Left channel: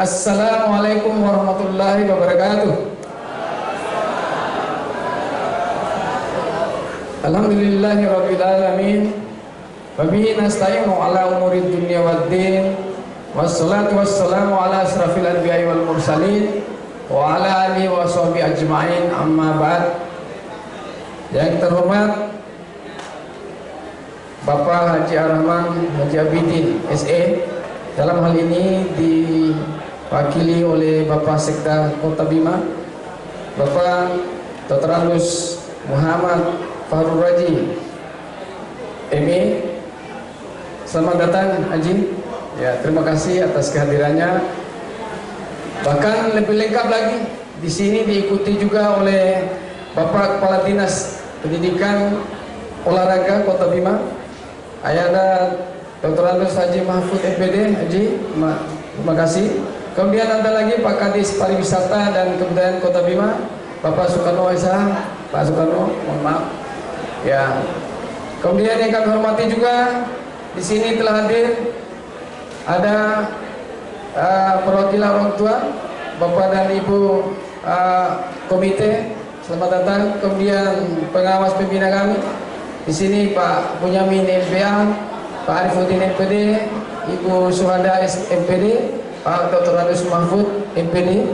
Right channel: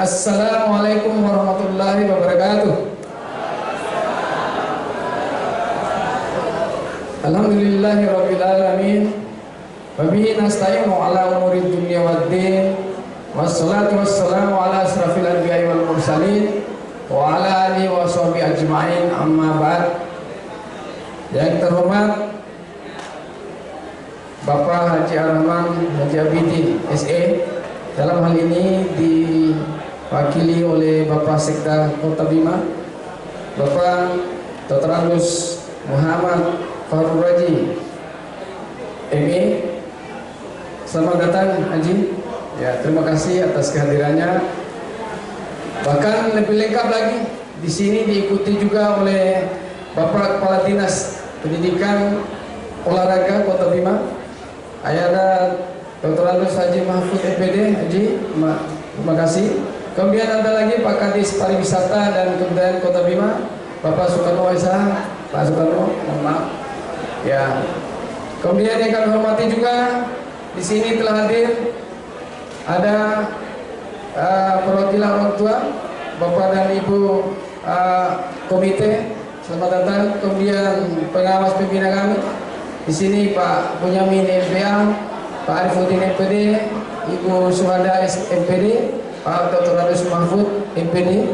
Assalamualaikum warahmatullahi wabarakatuh. Alhamdulillahirabbil alamin. Wa bihi nasta'inu ala umurid dunya waddin. Wassalatu wassalamu ala asrafil anbiya'i wal mursalin wa ala alihi wa sahbihi ajma'in, amma ba'd. Yang terhormat Bapak Haji Ar-Rahman Haji Abidin SE, dalam hal ini diwakili oleh Bapak Sekda Kota Bima, Bapak Dr. Anus Muhammad Fahrul Raji ME. Selamat datang Haji. Ya, terima kasih atas kehadirannya. Bahkan lebih lengkap lagi, di sini diikuti juga oleh Bapak Kepala Dinas Pendidikan Olahraga Kota Bima, Ayahanda Dr. Anus Haji Mahfud MPD. Haji, terima kasih. Kemudian ada lagi Pak Kadis Pariwisata dan Kebudayaan Kota Bima, Bapak Soekarno Esa. Pak Soekarno, mohon maaf. Ya. Kemudian yang kami hormati juga di sini telah hadir ada perwakilan orang tua, Bapak dan Ibu komite. Selamat datang. Kemudian pengawas pembina kami. Di sini Pak Bunyamin LPA, Pak Arifuddin MPD, Ibu Suhada MPD, Pak Dr. Anus Mahfud MPD.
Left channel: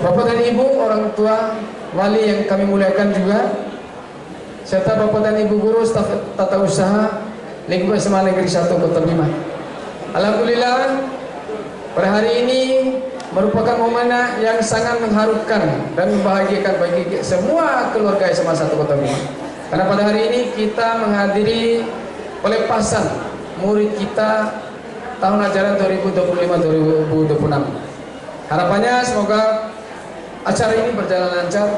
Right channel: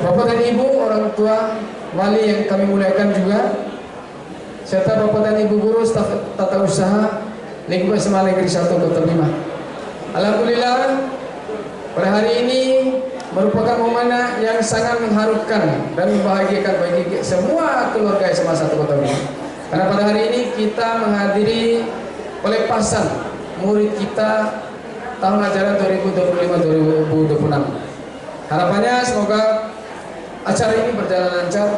Bapak dan Ibu orang tua wali yang kami muliakan juga, serta Bapak dan Ibu guru staf tata usaha lingkungan SMA Negeri 1 Kota Bima. Alhamdulillah, pada hari ini merupakan momen yang sangat mengharukan dan membahagiakan bagi semua keluarga SMA 1 Kota Bima. Karena pada hari ini kita menghadiri pelepasan murid kita tahun ajaran 2025-2026. Harapannya semoga acara ini berjalan lancar,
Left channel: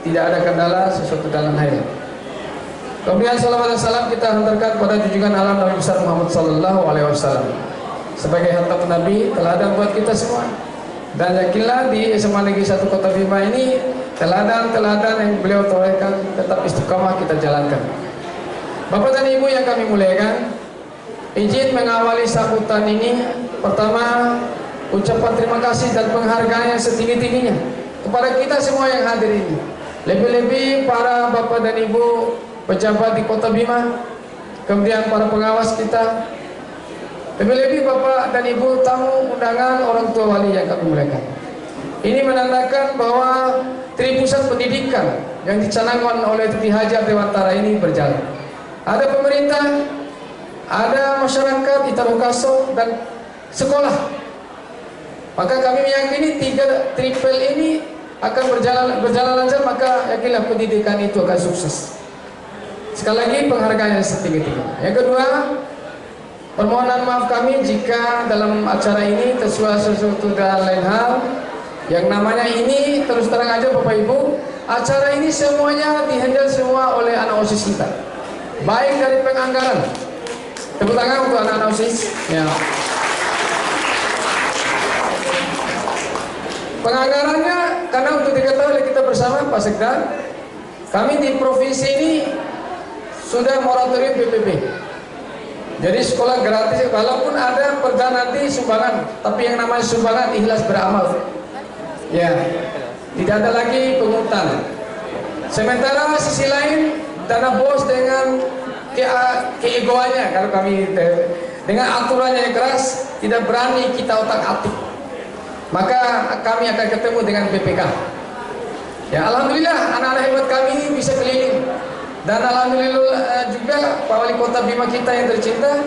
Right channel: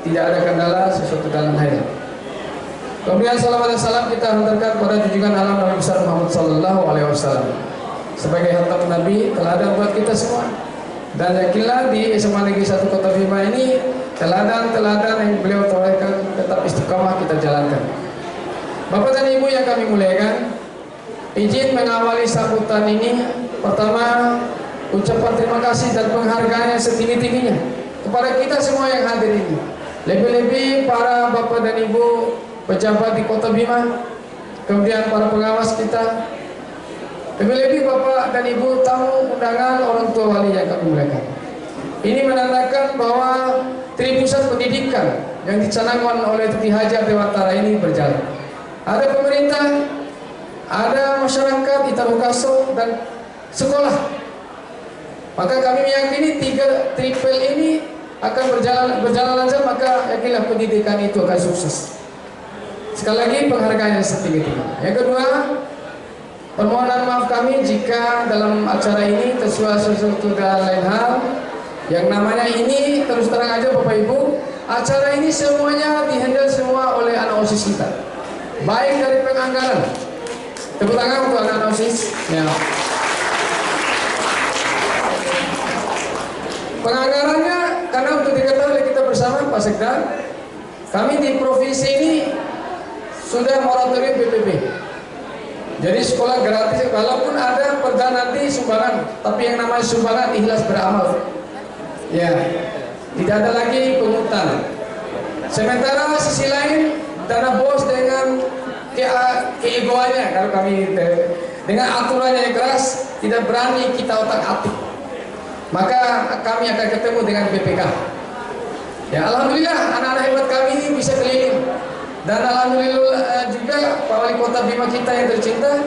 tidak ada kendala sesuatu dalam hal. Kemudian salawat dan salam kita hantarkan pada junjungan alam Nabi besar Muhammad sallallahu alaihi wasallam sebagai khatam Nabi, teladan buat kita semua. Dan yakinlah di SMA Negeri 1 Kota Bima ini teladan-teladan yang beliau torehkan tetap istiqamah kita jalankan. Bapak dan Ibu yang kami muliakan, izin mengawali sambutan ini. Pertama, ucapan terima kasih dan penghargaan yang setinggi-tingginya kepada kita semua yang hadir ini. Lebih-lebih para Bapak dan Ibu pejabat di Kota Bima, kemudian para pengawas kita, lebih-lebih Bapak dan Ibu tamu undangan orang tua wali yang kami muliakan. Ini menandakan bahwa Tripusat Pendidikan yang dicanangkan oleh Tuti Hajar Dewantara ini berjalan. Ada pemerintah, ada masyarakat, Italukaso, dan sekolah. Maka kami meyakini 3 triple ini akan berjalan lancar, maka yakinlah pendidikan itu akan sukses. Sekali lagi penghargaan yang setinggi-tingginya. Yang kedua, permohonan maaf kami jika dalam acara ini tersuara sesuatu dan lain hal. Yang namanya ini terus terang aja Bapak Ibu, acara ini semuanya dihandle semua oleh anak OSIS kita. Baik dari penganggaran. Tepuk tangan untuk anak OSIS. Ya. Penganggarannya, karena untuk diketahui kita bersama Pak Sekda, kami di provinsi ini sudah moratorium PPP. Jadi sekolah gratis, walaupun ada perda nanti sumbangan, tapi yang namanya sumbangan ikhlas beramal. Ya, tidak ada lagi pungutan. Sementara sisi lain, dana bos dengan keegoannya, kalau kami dengan aturannya yang keras, tidak berani kita otak-atik. Maka kami akan ketemu dengan BPK. Ya, alhamdulillah anak-anak hebat kami ini bisa keliling. Dan alhamdulillah juga Pak Wali Kota Bima kita yang tercinta,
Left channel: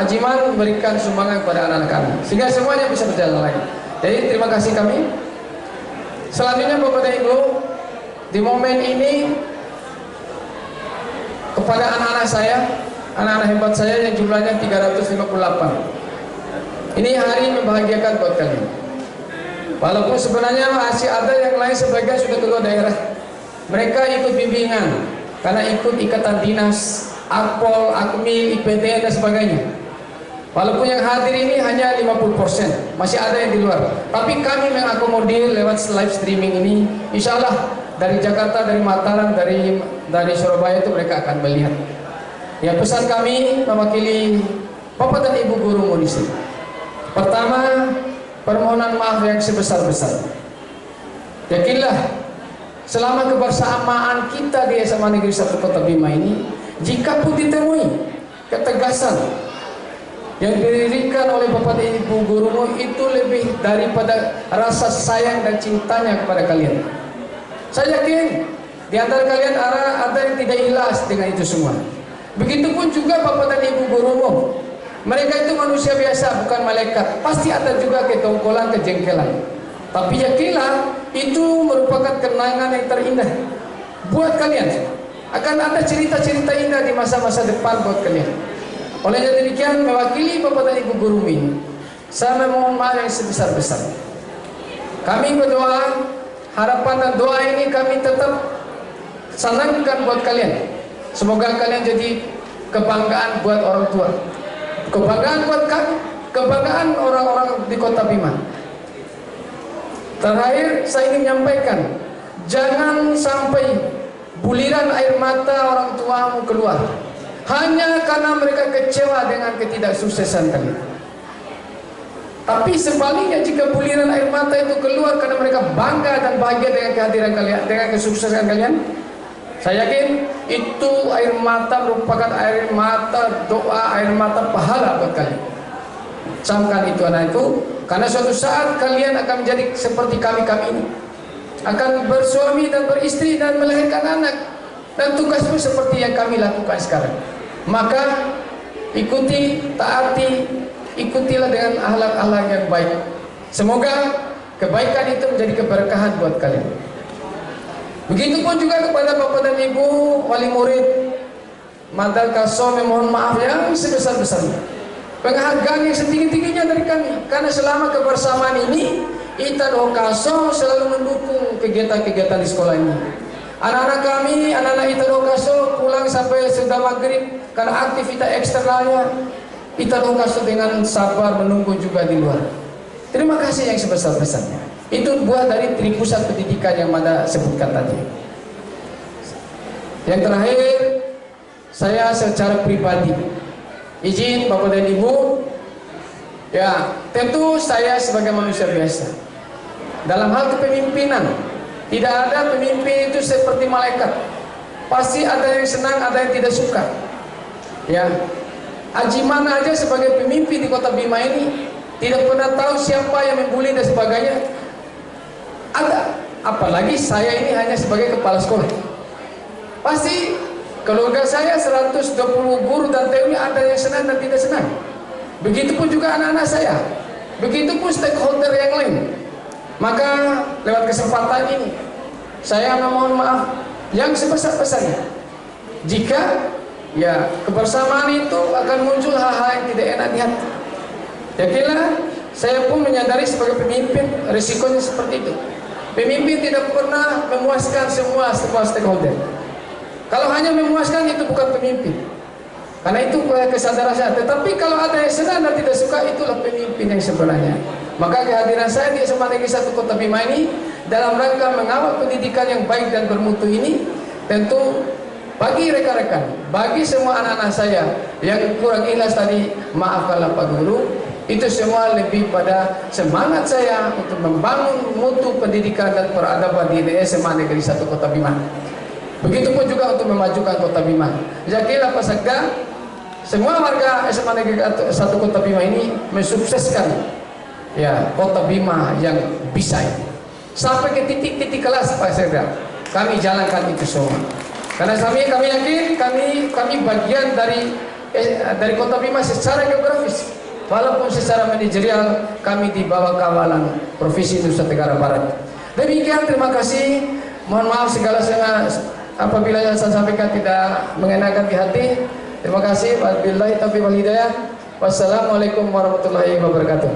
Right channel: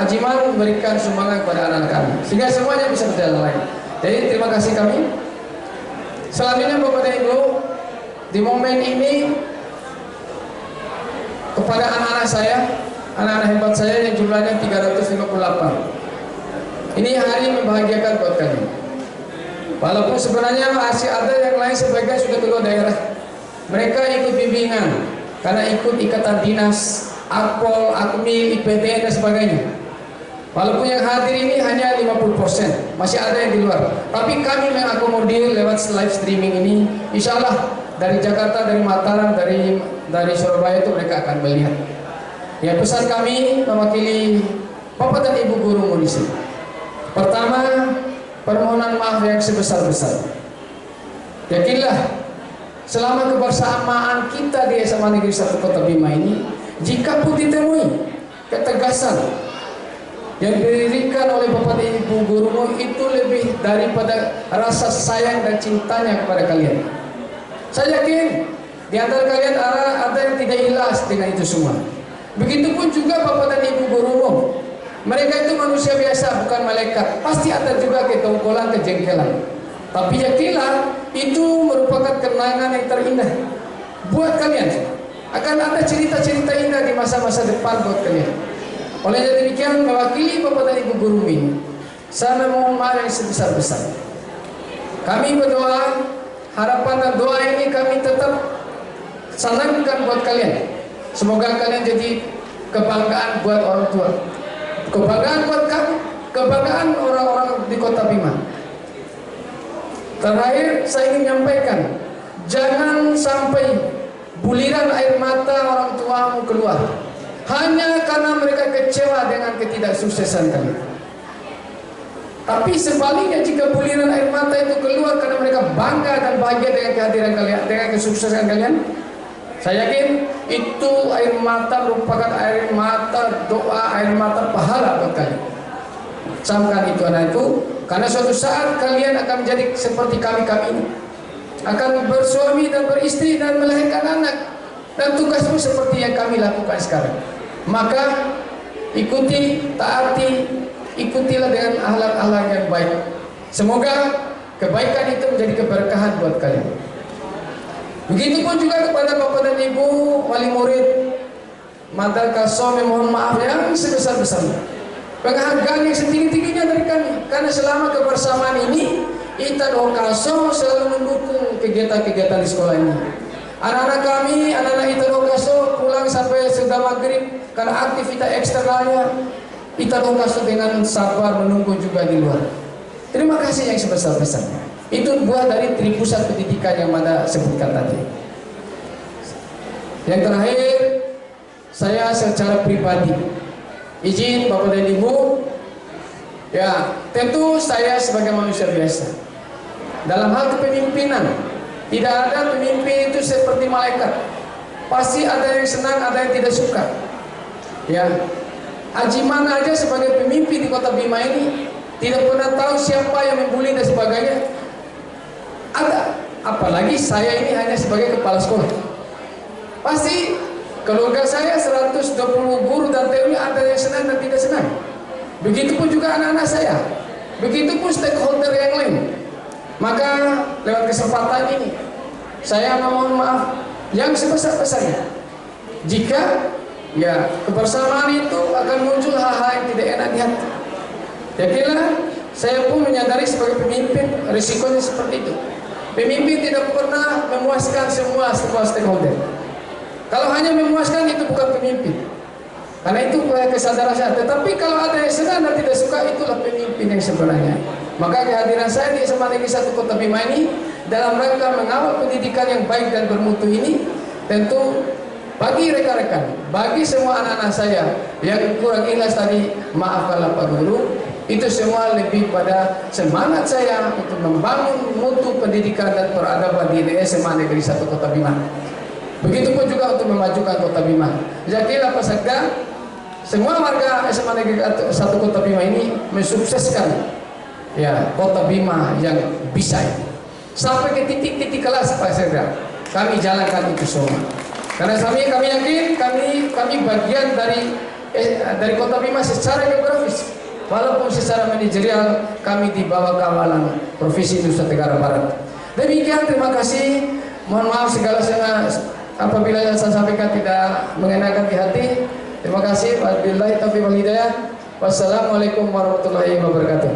Ajiman memberikan sumbangan kepada anak-anak kami, sehingga semuanya bisa berjalan lagi. Jadi terima kasih kami. Selanjutnya Bapak dan Ibu, di momen ini kepada anak-anak saya, anak-anak hebat saya yang jumlahnya 358. Ini hari membahagiakan buat kami. Walaupun sebenarnya masih ada yang lain sebagian sudah keluar daerah. Mereka ikut bimbingan karena ikut ikatan dinas, Akpol, Akmil, IPTN dan sebagainya. Walaupun yang hadir ini hanya 50%, masih ada yang di luar. Tapi kami mengakomodir lewat live streaming ini. Insya Allah dari Jakarta, dari Mataram, dari Surabaya itu mereka akan melihat. Ya, pesan kami mewakili Bapak dan Ibu guru di sini. Pertama, permohonan maaf yang sebesar-besar. Yakinlah, selama kebersamaan kita di SMA Negeri 1 Kota Bima ini, jika pun ditemui ketegasan yang diberikan oleh Bapak dan Ibu gurumu itu lebih daripada rasa sayang dan cintanya kepada kalian. Saya yakin di antara kalian ada yang tidak ikhlas dengan itu semua. Begitupun juga Bapak dan Ibu gurumu. Mereka itu manusia biasa, bukan malaikat. Pasti ada juga ketongkolan, kejengkelan. Tapi yakinlah, itu merupakan kenangan yang terindah buat kalian. Akan ada cerita-cerita indah di masa-masa depan buat kalian. Oleh demikian, mewakili Bapak dan Ibu guru ini, saya memohon maaf yang sebesar-besar. Kami berdoa, harapan dan doa ini kami tetap sanangkan buat kalian. Semoga kalian jadi kebanggaan buat orang tua, kebanggaan buat kami, kebanggaan orang-orang di Kota Bima. Terakhir, saya ingin menyampaikan, jangan sampai buliran air mata orang tuamu keluar hanya karena mereka kecewa dengan ketidaksuksesan kalian. Tapi sebaliknya, jika buliran air mata itu keluar karena mereka bangga dan bahagia dengan kehadiran kalian, dengan kesuksesan kalian, saya yakin itu air mata merupakan air mata doa, air mata pahala buat kalian. Camkan itu anakku, karena suatu saat kalian akan menjadi seperti kami ini, akan bersuami dan beristri dan melahirkan anak, dan tugasmu seperti yang kami lakukan sekarang. Maka ikuti, taati, ikutilah dengan akhlak-akhlak yang baik. Semoga kebaikan itu menjadi keberkahan buat kalian. Begitupun juga kepada Bapak dan Ibu wali murid Madal Kasom, mohon maaf yang sebesar-besarnya, penghargaan yang setinggi-tingginya dari kami, karena selama kebersamaan ini Ita Doa Kasom selalu mendukung kegiatan-kegiatan di sekolah ini. Anak-anak kami, anak-anak Ita Doa Kasom pulang sampai sudah maghrib karena aktivitas eksternalnya, Ita Doa Kasom dengan sabar menunggu juga di luar. Terima kasih yang sebesar-besarnya. Itu buah dari Tripusat Pendidikan yang Mada sebutkan tadi. Yang terakhir, saya secara pribadi izin Bapak dan Ibu, ya tentu saya sebagai manusia biasa. Dalam hal kepemimpinan, tidak ada pemimpin itu seperti malaikat. Pasti ada yang senang, ada yang tidak suka. Ya, Ajiman aja sebagai pemimpin di Kota Bima ini tidak pernah tahu siapa yang membuli dan sebagainya. Ada, apalagi saya ini hanya sebagai kepala sekolah. Pasti keluarga saya 120 guru dan TU ada yang senang dan tidak senang. Begitupun juga anak-anak saya. Begitupun stakeholder yang lain. Maka lewat kesempatan ini saya memohon maaf yang sebesar-besarnya jika ya kebersamaan itu akan muncul hal-hal yang tidak enak di hati. Yakinlah, saya pun menyadari sebagai pemimpin risikonya seperti itu. Pemimpin tidak pernah memuaskan semua stakeholder. Kalau hanya memuaskan itu bukan pemimpin. Karena itu kesadaran saya. Tetapi kalau ada yang senang dan tidak suka, itulah pemimpin yang sebenarnya. Maka kehadiran saya di SMA Negeri 1 Kota Bima ini dalam rangka mengawal pendidikan yang baik dan bermutu ini, tentu bagi rekan-rekan, bagi semua anak-anak saya yang kurang ikhlas tadi, maafkanlah Pak Guru. Itu semua lebih pada semangat saya untuk membangun mutu pendidikan dan peradaban di SMA Negeri 1 Kota Bima. Begitupun juga untuk memajukan Kota Bima. Yakinlah peserta, semua warga SMA Negeri 1 Kota Bima ini mensukseskan ya Kota Bima yang bisa ini. Sampai ke titik-titik kelas Pak Sekda, kami jalankan itu semua. Karena kami yakin kami bagian dari Kota Bima secara geografis. Walaupun secara manajerial kami di bawah kawalan Provinsi Nusa Tenggara Barat. Demikian, terima kasih. Mohon maaf segala apabila yang saya sampaikan tidak mengenakan di hati. Terima kasih. Wabillahi taufiq wal hidayah. Wassalamualaikum warahmatullahi wabarakatuh.